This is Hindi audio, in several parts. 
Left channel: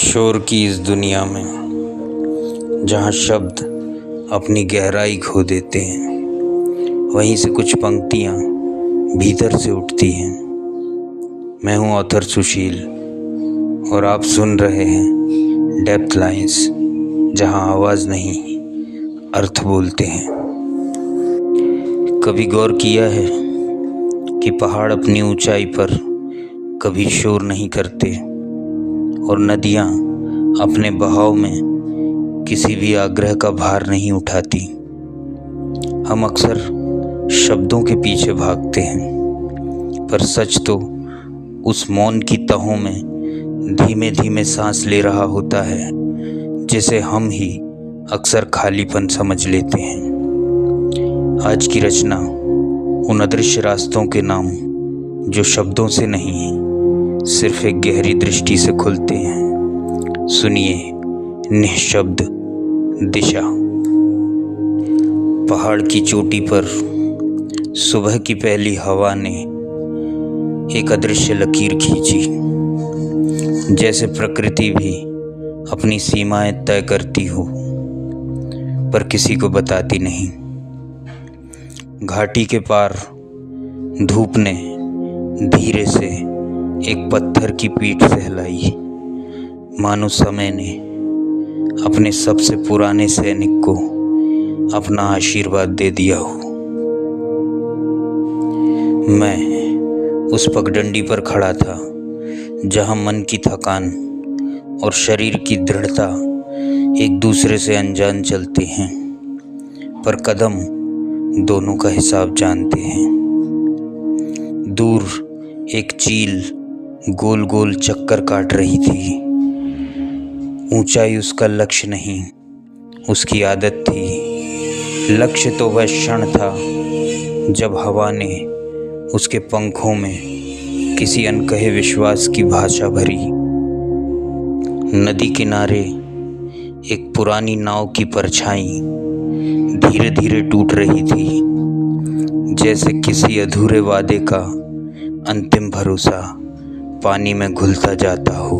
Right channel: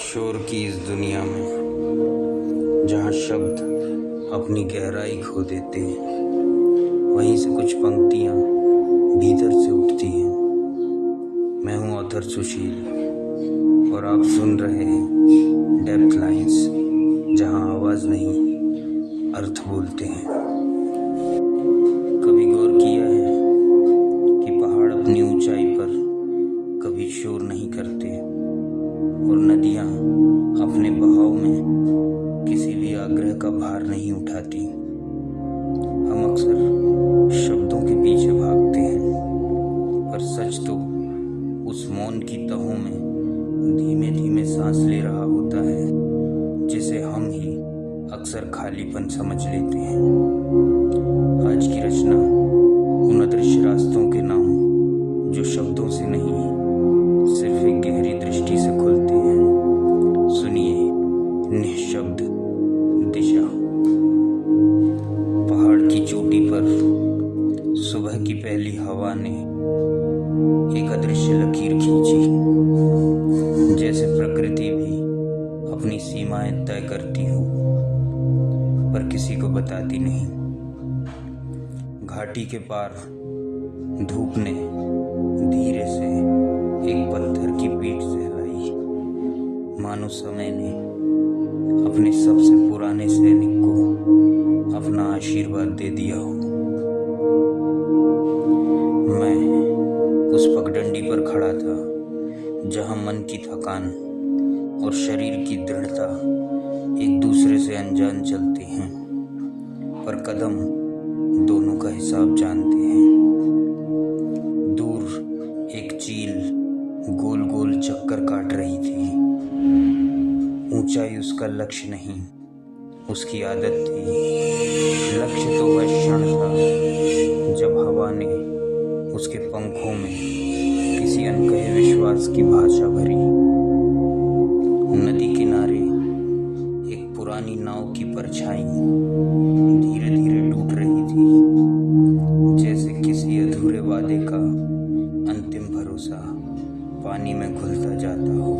शोर की इस दुनिया में जहाँ शब्द अपनी गहराई खो देते हैं, वहीं से कुछ पंक्तियाँ भीतर से उठती हैं। मैं हूँ ऑथर सुशील और आप सुन रहे हैं डेप्थ लाइंस, जहाँ आवाज़ नहीं अर्थ बोलते हैं। कभी गौर किया है कि पहाड़ अपनी ऊंचाई पर कभी शोर नहीं करते और नदियाँ अपने बहाव में किसी भी आग्रह का भार नहीं उठाती। हम अक्सर शब्दों के पीछे भागते हैं, पर सच तो उस मौन की तहों में धीमे धीमे सांस ले रहा होता है, जिसे हम ही अक्सर खालीपन समझ लेते हैं। आज की रचना उन अदृश्य रास्तों के नाम जो शब्दों से नहीं, सिर्फ एक गहरी दृष्टि से खुलते हैं। सुनिए निःशब्द दिशा। पहाड़ की चोटी पर सुबह की पहली हवा ने एक अदृश्य लकीर खींची, जैसे प्रकृति भी अपनी सीमाएं तय करती हो पर किसी को बताती नहीं। घाटी के पार धूप ने धीरे से एक पत्थर की पीठ सहलाई, मानो समय ने अपने सबसे पुराने सैनिक को अपना आशीर्वाद दे दिया हो। मैं उस पगडंडी पर खड़ा था जहां मन की थकान और शरीर की दृढ़ता एक दूसरे से अनजान चलते हैं, पर कदम दोनों का हिसाब जानते हैं। दूर एक चील गोल गोल चक्कर काट रही थी। ऊंचाई उसका लक्ष्य नहीं, उसकी आदत थी। लक्ष्य तो वह क्षण था जब हवा ने उसके पंखों में किसी अनकहे विश्वास की भाषा भरी। नदी किनारे एक पुरानी नाव की परछाई धीरे धीरे टूट रही थी, जैसे किसी अधूरे वादे का अंतिम भरोसा पानी में घुलता जाता हो।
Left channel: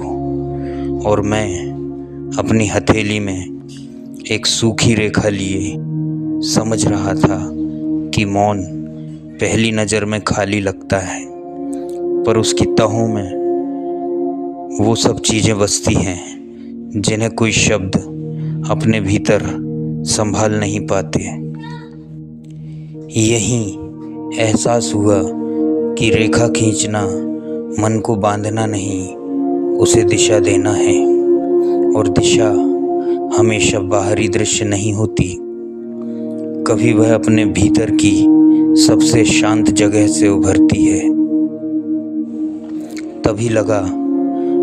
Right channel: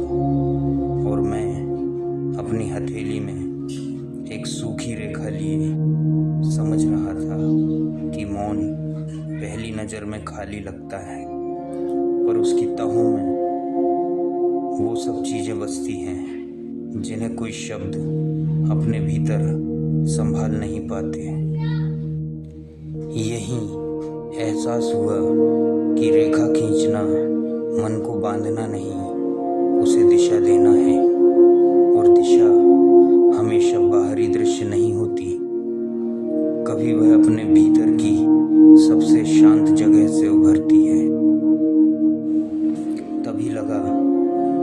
और मैं अपनी हथेली में एक सूखी रेखा लिए समझ रहा था कि मौन पहली नज़र में खाली लगता है, पर उसकी तहों में वो सब चीज़ें बसती हैं जिन्हें कोई शब्द अपने भीतर संभाल नहीं पाते। यही एहसास हुआ कि रेखा खींचना मन को बांधना नहीं, उसे दिशा देना है। और दिशा हमेशा बाहरी दृश्य नहीं होती, कभी वह अपने भीतर की सबसे शांत जगह से उभरती है। तभी लगा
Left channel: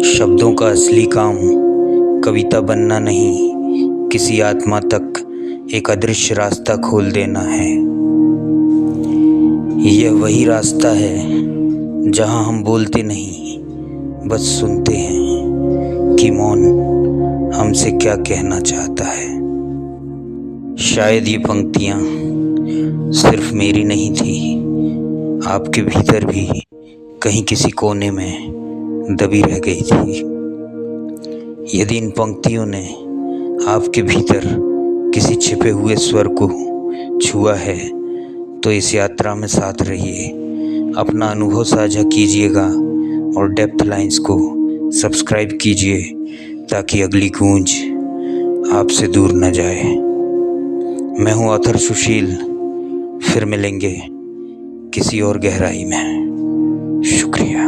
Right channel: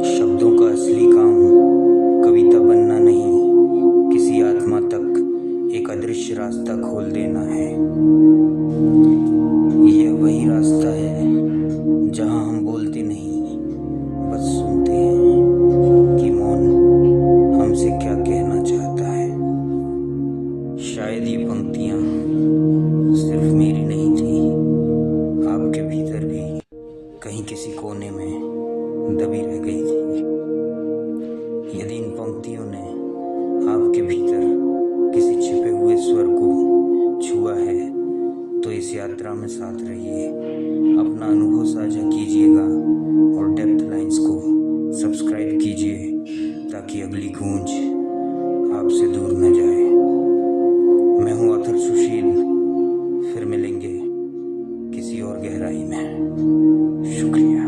शब्दों का असली काम कविता बनना नहीं, किसी आत्मा तक एक अदृश्य रास्ता खोल देना है। यह वही रास्ता है जहां हम बोलते नहीं, बस सुनते हैं कि मौन हमसे क्या कहना चाहता है। शायद ये पंक्तियाँ सिर्फ मेरी नहीं थी, आपके भीतर भी कहीं किसी कोने में दबी रह गई थी। यदि इन पंक्तियों ने आपके भीतर किसी छिपे हुए स्वर को छुआ है, तो इस यात्रा में साथ रहिए, अपना अनुभव साझा कीजिएगा और डेप्थ लाइंस को सब्सक्राइब कीजिए ताकि अगली गूंज आपसे दूर न जाए। मैं हूँ ऑथर सुशील, फिर मिलेंगे किसी और गहराई में। शुक्रिया।